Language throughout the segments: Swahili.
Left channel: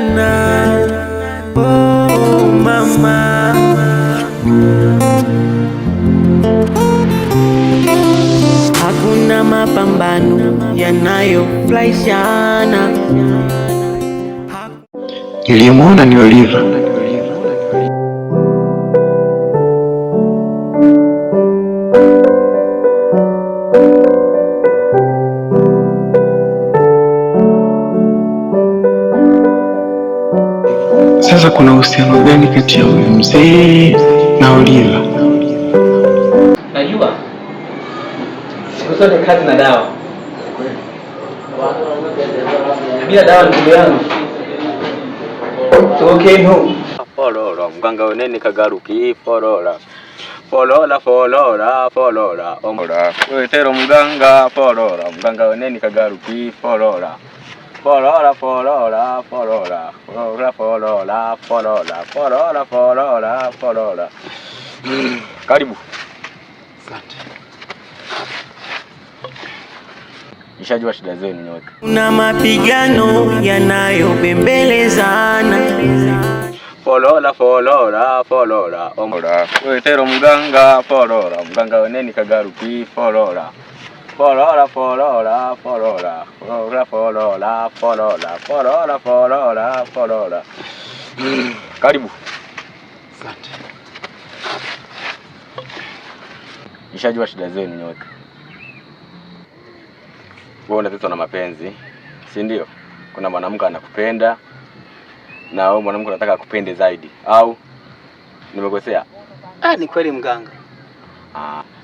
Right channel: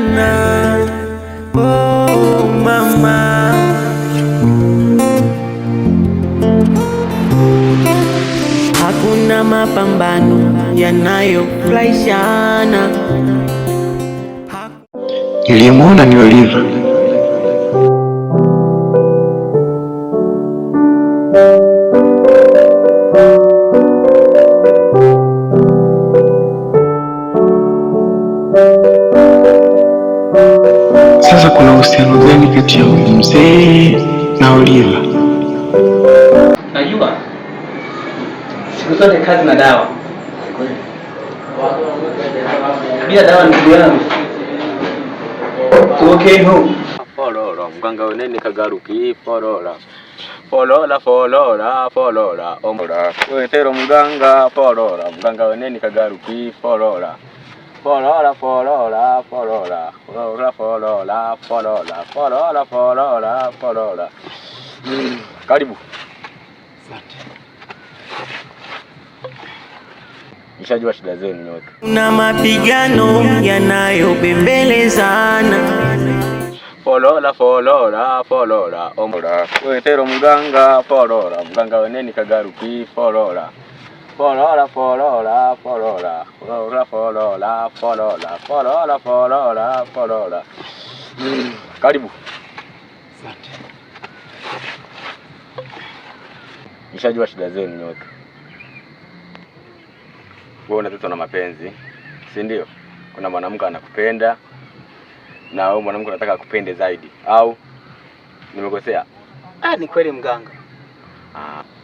tunang'ang'ana, oh mama. Hakuna mapambano yanayofurahishana. Niliyemwona ni Oliva. Sasa kuna uhusiano gani kati ya huyu mzee na Oliva? Najua siku zote kazi na dawa. Bila dawa ndugu yangu tuokee no. Folora mganga weneni kagaruki folora. Folora folora folora omora. Wetero mganga folora mganga weneni kagaruki folora. Folora folora folora folora folora folora folora folora folora. Karibu. Asante. Nishajua shida zenu nyote. Kuna mapigano yanayobembelezana. Folora folora folora omora. Wetero mganga folora mganga weneni kagaruki folora. Folora folora folora folora folora folora folora folora folora. Karibu. Asante. Nishajua shida zenu nyote. Wewe unataka na mapenzi, si ndio? Kuna mwanamke anakupenda na wewe mwanamke unataka akupende zaidi, au nimekosea? Ni kweli mganga.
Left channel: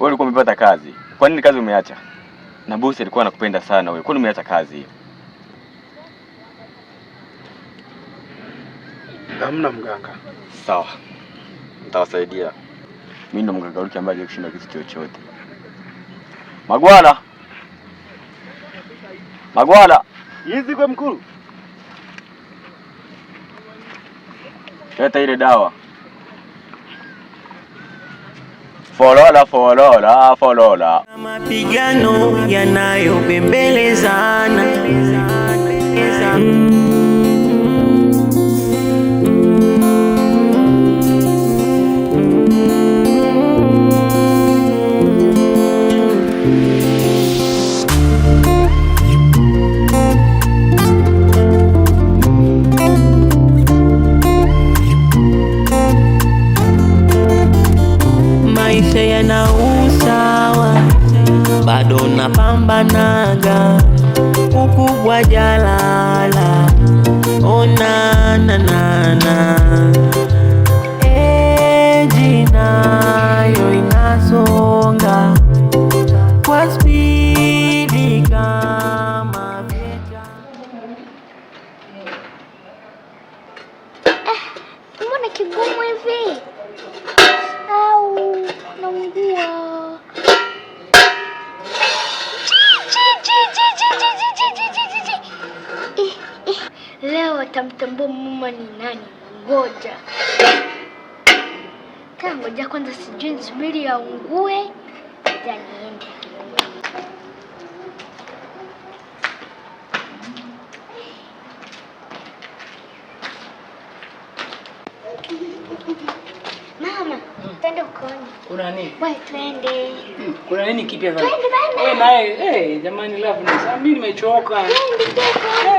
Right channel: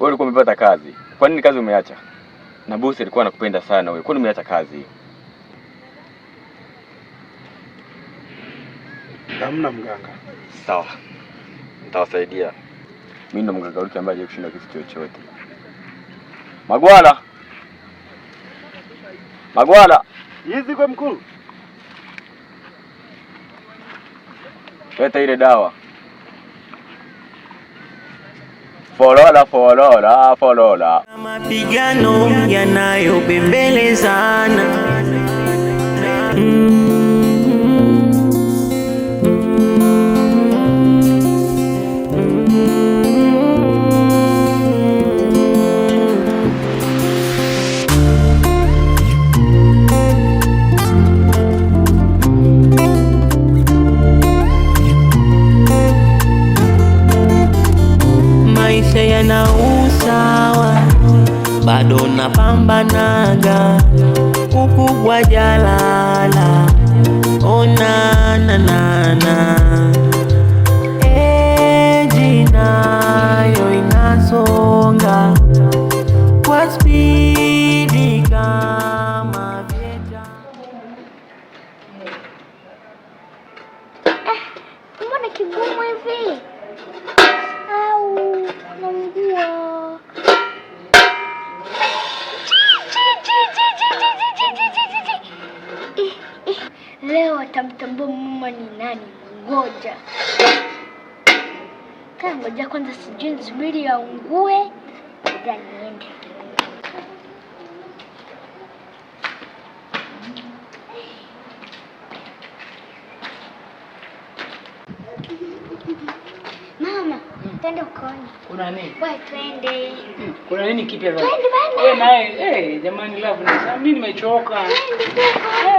Wewe ulikuwa umepata kazi. Kwa nini kazi umeacha? Na bosi alikuwa anakupenda sana wewe. Kwa nini umeacha kazi hiyo? Hamna mganga. Sawa. Nitawasaidia. Mimi ndo mganga Ruki ambaye kushinda kitu chochote. Magwala. Magwala. Hizi kwa mkuu. Leta ile dawa. Folora folora folora. Mapigano yanayobembelezana. Maisha yana usawa, bado napambanaga, ukubwa jalala, ona na na na. Eji nayo inasonga kwa spidi kama vita. Mbona kigumu hivi? Naungua. Leo atamtambua mama ni nani. Ngoja ngoja kwanza, sijui nisubiri aungue ngoja niende. Mama, twende ukoni. Kuna nini? Wewe twende. Kuna nini kipya sasa? Twende bana. Wewe naye, jamani love ni sasa mimi nimechoka.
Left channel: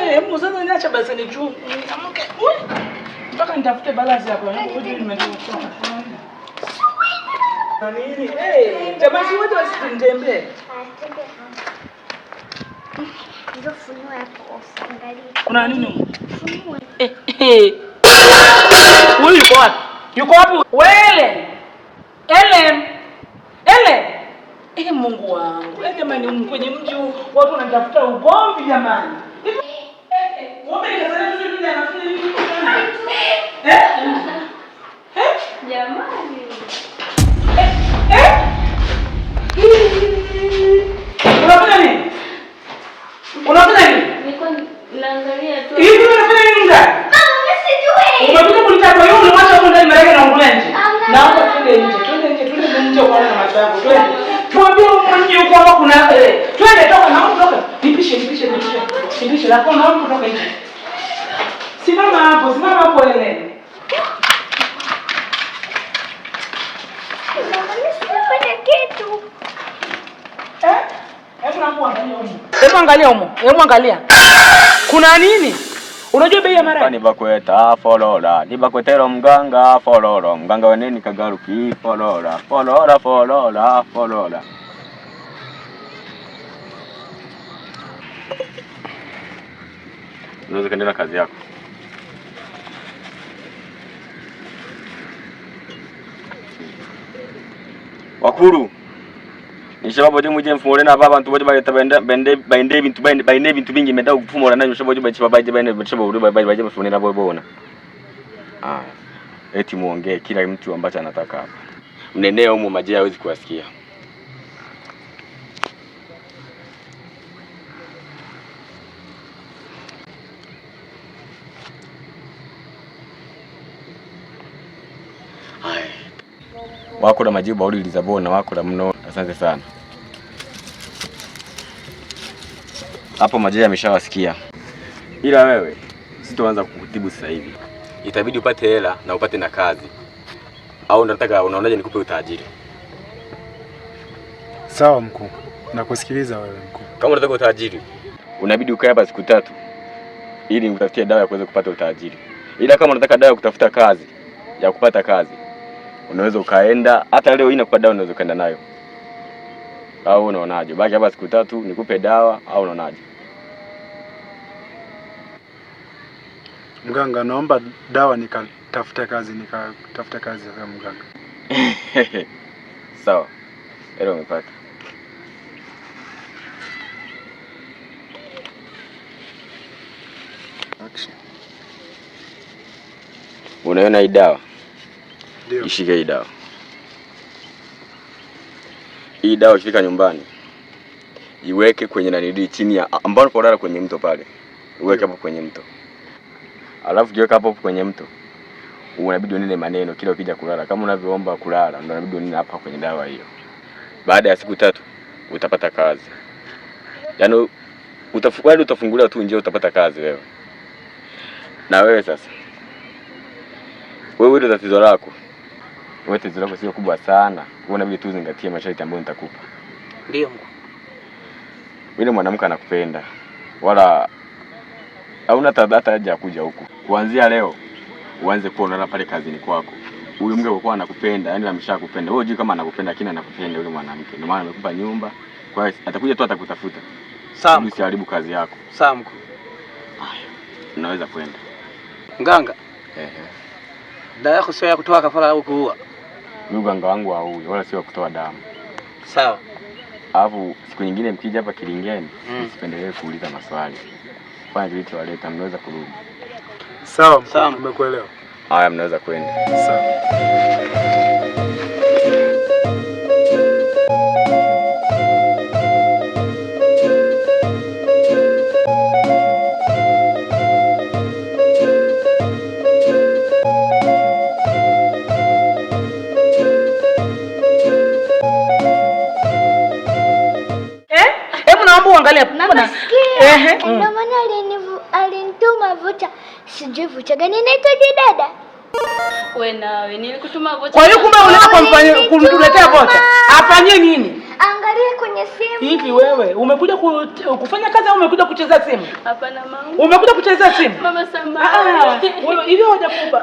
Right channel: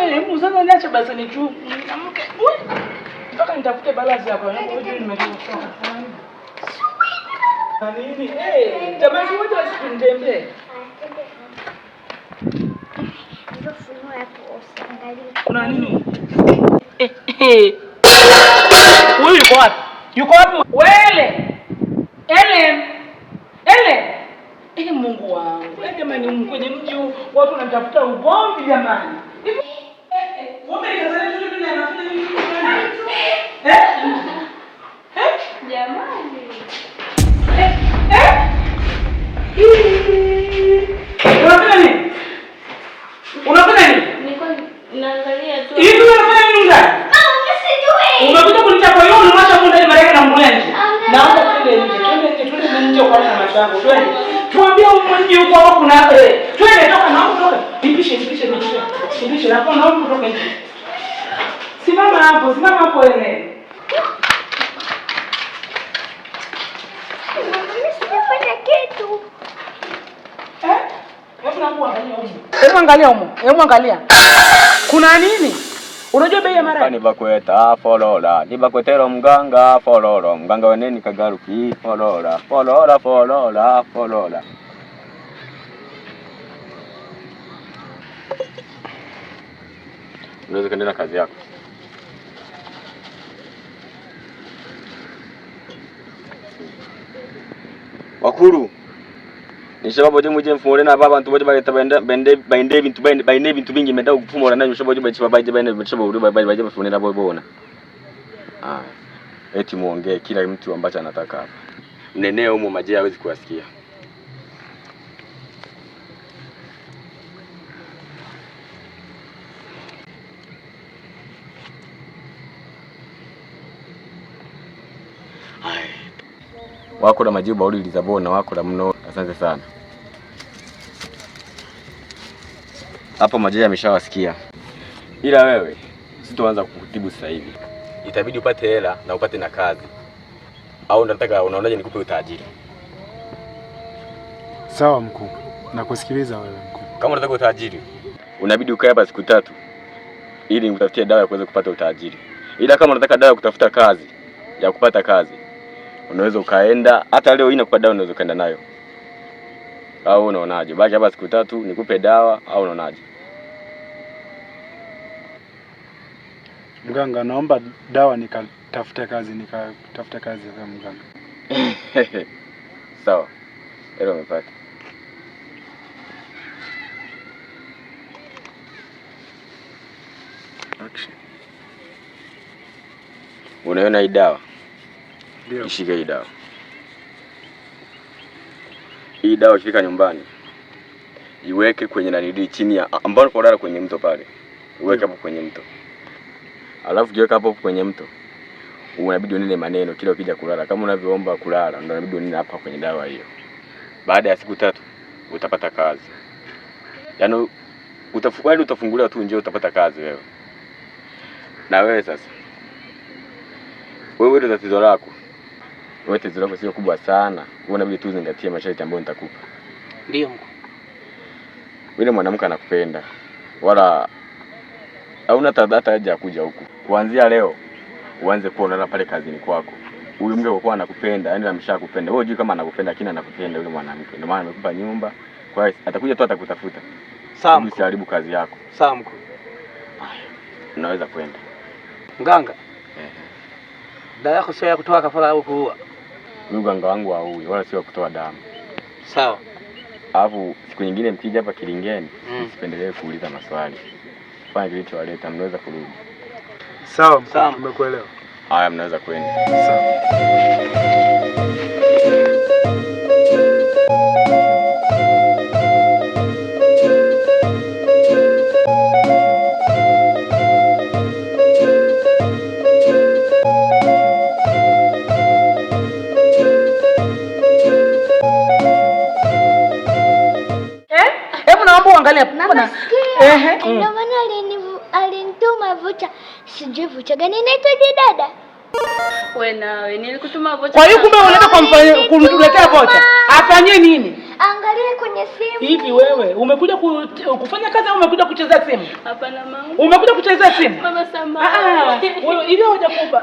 Hebu sasa niacha basi nichuke. Amke. Mpaka nitafute balance hapo. Ngoja nimechoka. Na nini? Jamani wote wasitembee. Ndio funua hapo usiangalie. Kuna nini? Wewe yuko wapi? Yuko wapi? Wele. Ele. Mungu wangu. Jamani kwenye mji watu wanatafuta ugomvi jamani. Wewe unasema tu mimi nafanya nini? Jamani. Unafanya nini? Unafanya nini? Niko naangalia tu. Hivi unafanya nini ndani? Mama, sijui. Umekuja kunitaka wewe unamwacha huko ndani Marekani na ungulia nje. Naomba twende nje kwa na macho yako. Twende. Tuambie huko nje huko hapo kuna twende toka na huko toka. Nipishe na kwa na huko toka nje. Simama hapo wewe. Sifanya kitu. Hebu angalia. Kuna nini? Unajua bei ya mara? Ni bakweta folola. Ni bakwetero mganga fololo. Mganga weneni kagaruki folola. Folola. Unaweza kuendelea kazi yako. Wakuru. Nishababu je muje mfumore na baba ntuboje bageta bende bintu bingi meda gufumora na nishababu je baje bende nishababu baje mfumore na bona. Eti muongee kila mtu ambacho anataka hapa. Mneneo huko maji hawezi kuwasikia. Wako na majibu bauli lizabona wako na mno. Asante sana. Hapo maji yameshawasikia. Ila wewe sitoanza kukutibu sasa hivi. Itabidi upate hela na upate na kazi. Au unataka unaonaje nikupe utajiri? Sawa mkuu. Nakusikiliza wewe mkuu. Kama unataka utajiri, unabidi ukae hapa siku 3 ili utafutie dawa ya kuweza kupata utajiri. Ila kama unataka dawa ya kutafuta kazi, ya kupata kazi, unaweza ukaenda hata leo hii nakupa dawa unaweza kaenda nayo. Au unaonaje? Baki hapa siku 3 nikupe dawa au unaonaje? Mganga, naomba dawa nikatafuta kazi ya mganga. Sawa. Leo umepata. Action. Unaona hii dawa? Ndio. Ishike hii dawa. Hii dawa ikifika nyumbani, iweke kwenye nanidi chini ya ambao unapolala kwenye mto pale. Uweke hapo kwenye mto. Alafu kiweka hapo kwenye mto, unabidi unene maneno kila ukija kulala. Kama unavyoomba kulala, ndio unabidi unene hapa kwenye dawa hiyo. Baada ya siku 3 utapata kazi. Yaani utafunguliwa tu nje utapata kazi wewe. Na wewe sasa. Wewe ndio tatizo lako. Wewe tatizo lako sio kubwa sana. Wewe unabidi tu uzingatie masharti ambayo nitakupa. Ndio. Yule mwanamke anakupenda. Wala hauna hata haja ya kuja huku. Kuanzia leo uanze kuona pale kazini kwako. Huyu mke kwa kuwa anakupenda, yani ameshakupenda. Wewe hujui kama anakupenda, lakini anakupenda yule mwanamke. Ndio maana amekupa nyumba. Kwa hiyo atakuja tu atakutafuta. Sawa. Usiharibu kazi yako. Sawa mkuu. Haya. Unaweza kwenda. Mganga. Dawa yako sio ya kutoa kafara au kuua. Mimi mganga wangu haui wala sio kutoa damu. Sawa. Alafu siku nyingine mkija hapa Kilingeni, msipendelee kuuliza maswali. Fanya kilichowaleta, mnaweza kurudi. Sawa, tumekuelewa. Haya, mnaweza kwenda. Sawa. Ndio maana alinituma vocha. Sijui vocha gani inaitwa dada. Wewe nawe nilikutuma vocha. Kwa hiyo kumbe unataka kumtuletea vocha. Afanye nini? Angalia kwenye simu. Hivi wewe umekuja kufanya kazi au umekuja kucheza simu? Hapana mama. Umekuja kucheza simu? Mama samahani. Wewe hivi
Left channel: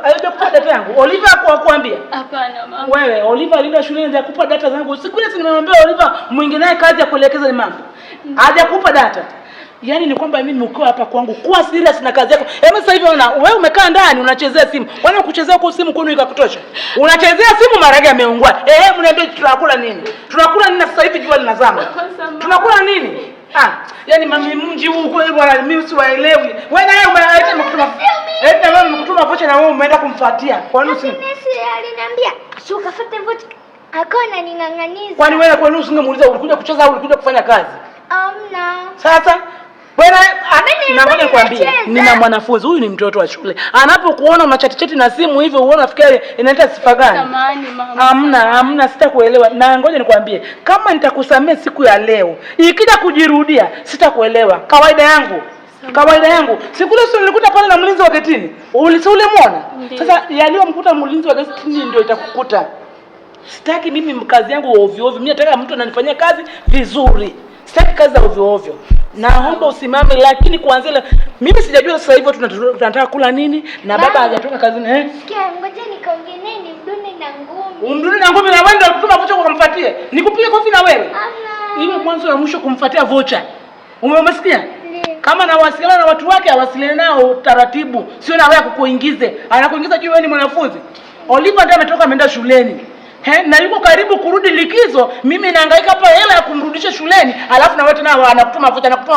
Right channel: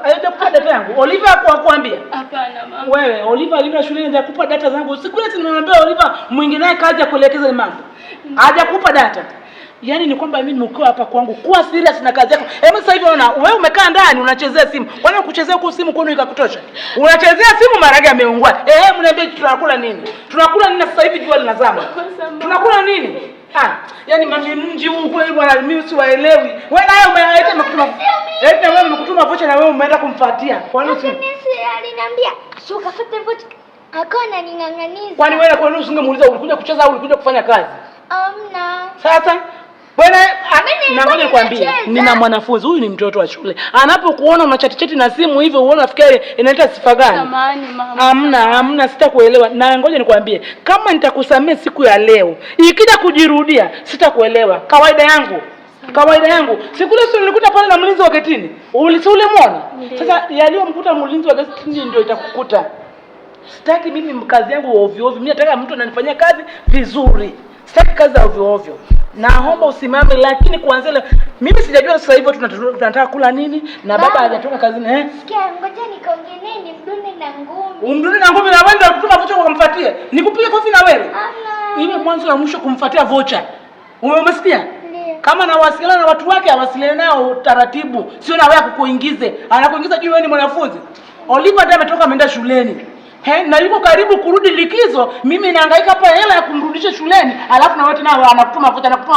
hajakupa data yangu. Oliver hakuambia? Hapana mama. Wewe Oliver alienda shuleni hajakupa data zangu. Siku ile nimemwambia Oliver mwingine naye kazi ya kuelekeza mambo. Hajakupa data. Yaani ni kwamba mimi nimekuwa hapa kwangu kuwa serious na kazi yako. Hebu sasa hivi wewe umekaa ndani unachezea simu. Kwani kuchezea kwa simu kwenu ikakutosha? Unachezea simu maragi yameungua. Mniambie tunakula nini? Tunakula nini sasa hivi jua linazama? Tunakula nini? Yaani mami mji huu kule bwana mimi siwaelewi. Wewe naye umeaita mkutuma. Wewe umekutuma vocha na wewe umeenda kumfuatia. Kwa nini simu? Aliniambia, "Sio kafuate vocha." Akaona ning'ang'aniza. Kwani wewe kwa nini usingemuuliza ulikuja kucheza au ulikuja kufanya kazi? Amna. Sasa wewe na ngoja nikwambie, nina mwanafunzi huyu ni mtoto wa shule. Anapokuona unachati na simu hivyo uone nafikiri inaita sifa gani? Samahani mama. Hamna sitakuelewa. Na ngoja nikwambie, kama nitakusamea siku ya leo, ikija kujirudia sitakuelewa. Kawaida yangu. Kawaida yangu. Siku ile sio nilikuta pale na mlinzi wa getini. Ulimuona? Sasa yaliyomkuta mlinzi wa getini ndio itakukuta. Sitaki mimi kazi yangu ovyo ovyo. Mimi nataka mtu ananifanyia kazi vizuri. Sitaki kazi za ovyo ovyo. Naomba usimame, lakini kuanzia leo mimi sijajua sasa hivi tunataka kula nini na baba hajatoka kazini Sikia, ngoja nikaongee naye ni mdune na ngumi. Umdune na ngumi na wewe ndio kutuma vocha kumfuatie. Nikupige kofi na wewe. Iwe mwanzo na mwisho kumfuatia vocha. Umesikia? Kama na wasiliana na watu wake awasiliane nao taratibu. Sio na wewe kukuingize. Anakuingiza juu wewe ni mwanafunzi. Oliva ndiye ametoka ameenda shuleni. Na yuko karibu kurudi likizo, mimi nahangaika hapa hela ya kumrudisha shuleni, alafu na wewe tena anakutuma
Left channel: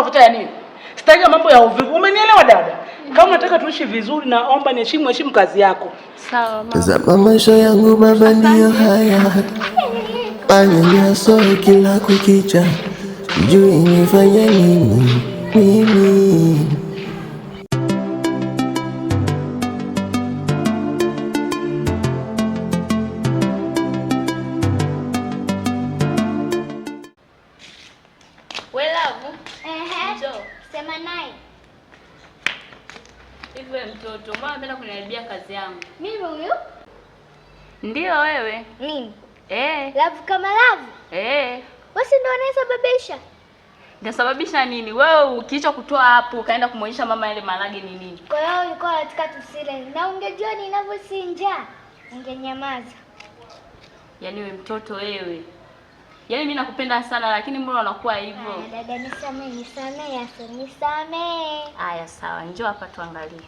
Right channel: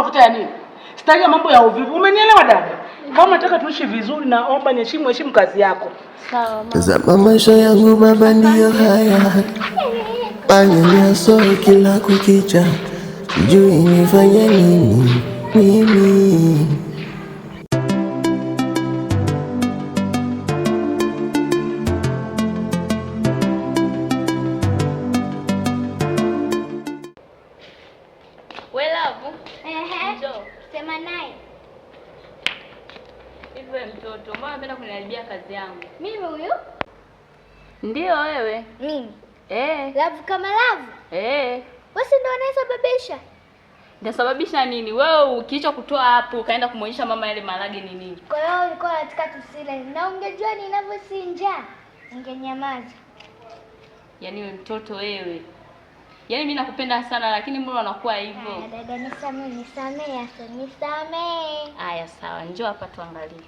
vocha ya nini? Sitaki mambo ya ovyo. Umenielewa dada? Kama unataka tuishi vizuri, naomba heshimu kazi yako. Sawa mama. Tazama maisha yangu baba ndio haya. Panya soe kila kukicha. Sijui nifanye nini mimi. Sema naye. Hivyo mtoto, mbona unapenda kuniharibia kazi yangu? Mimi huyu? Ndio wewe. Nini? Love kama love? Wewe ndio unayesababisha. Ndasababisha nini? Wewe ukiacha kutoa hapo ukaenda kumuonyesha mama ile marage ni nini? Kwa hiyo ulikuwa unataka tusile. Na ungejua ninavyosinja, ungenyamaza. Yaani wewe mtoto wewe. Yaani mimi nakupenda sana lakini mbona unakuwa hivyo? Dada nisamee. Haya sawa, njoo hapa tuangalie.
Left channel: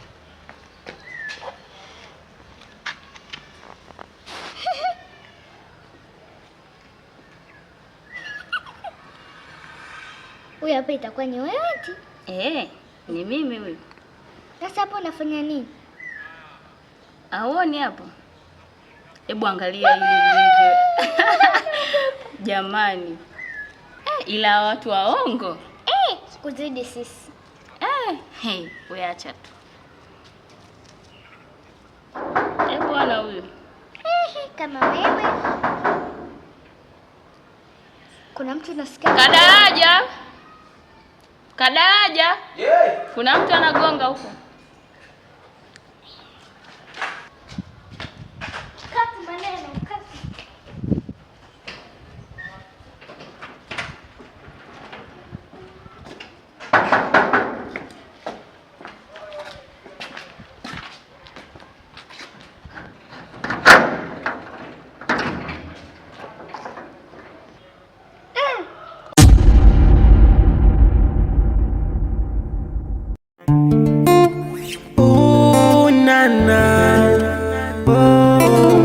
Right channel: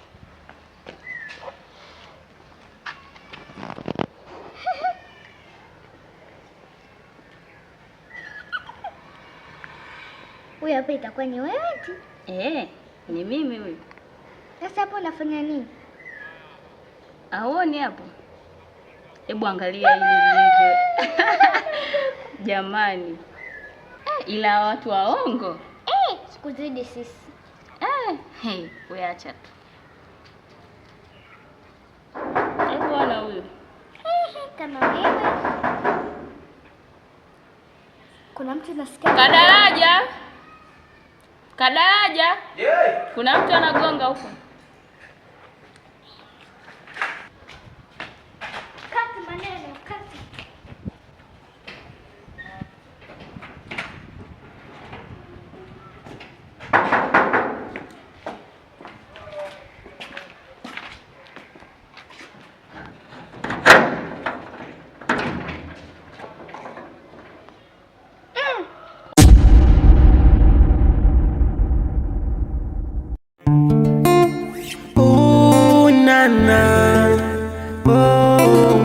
Huyu hapa itakuwa ni wewe eti? Ni mimi huyu. Sasa hapo unafanya nini? Aoni hapo? Hebu angalia hili video. Jamani. Ila watu waongo. Sikuzidi sisi. Wewe acha tu. Bwana huyu. Kama wewe. Kuna mtu nasikia. Kadaraja. Kuna mtu anagonga huko. Kati maneno, kati.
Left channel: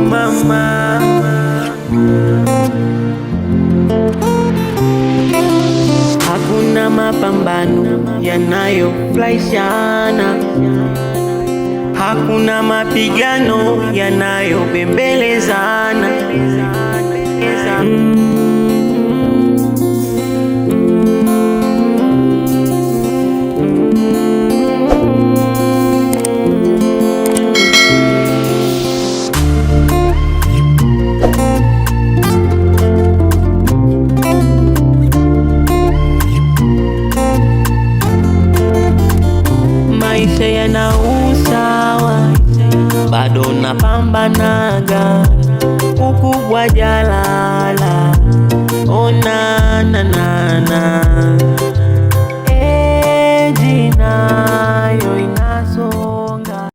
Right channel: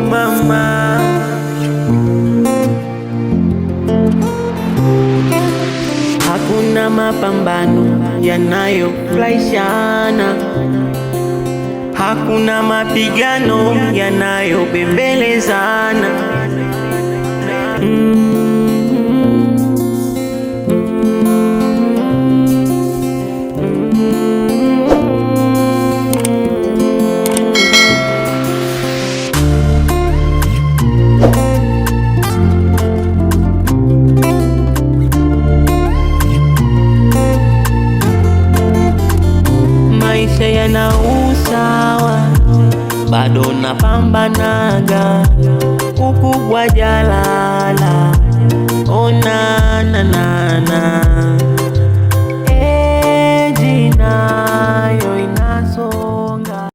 Mama, hakuna mapambano yanayofurahishana, hakuna mapigano yanayobembelezana. Maisha yana usawa, bado napambanaga, ukubwa jalala, ona na jina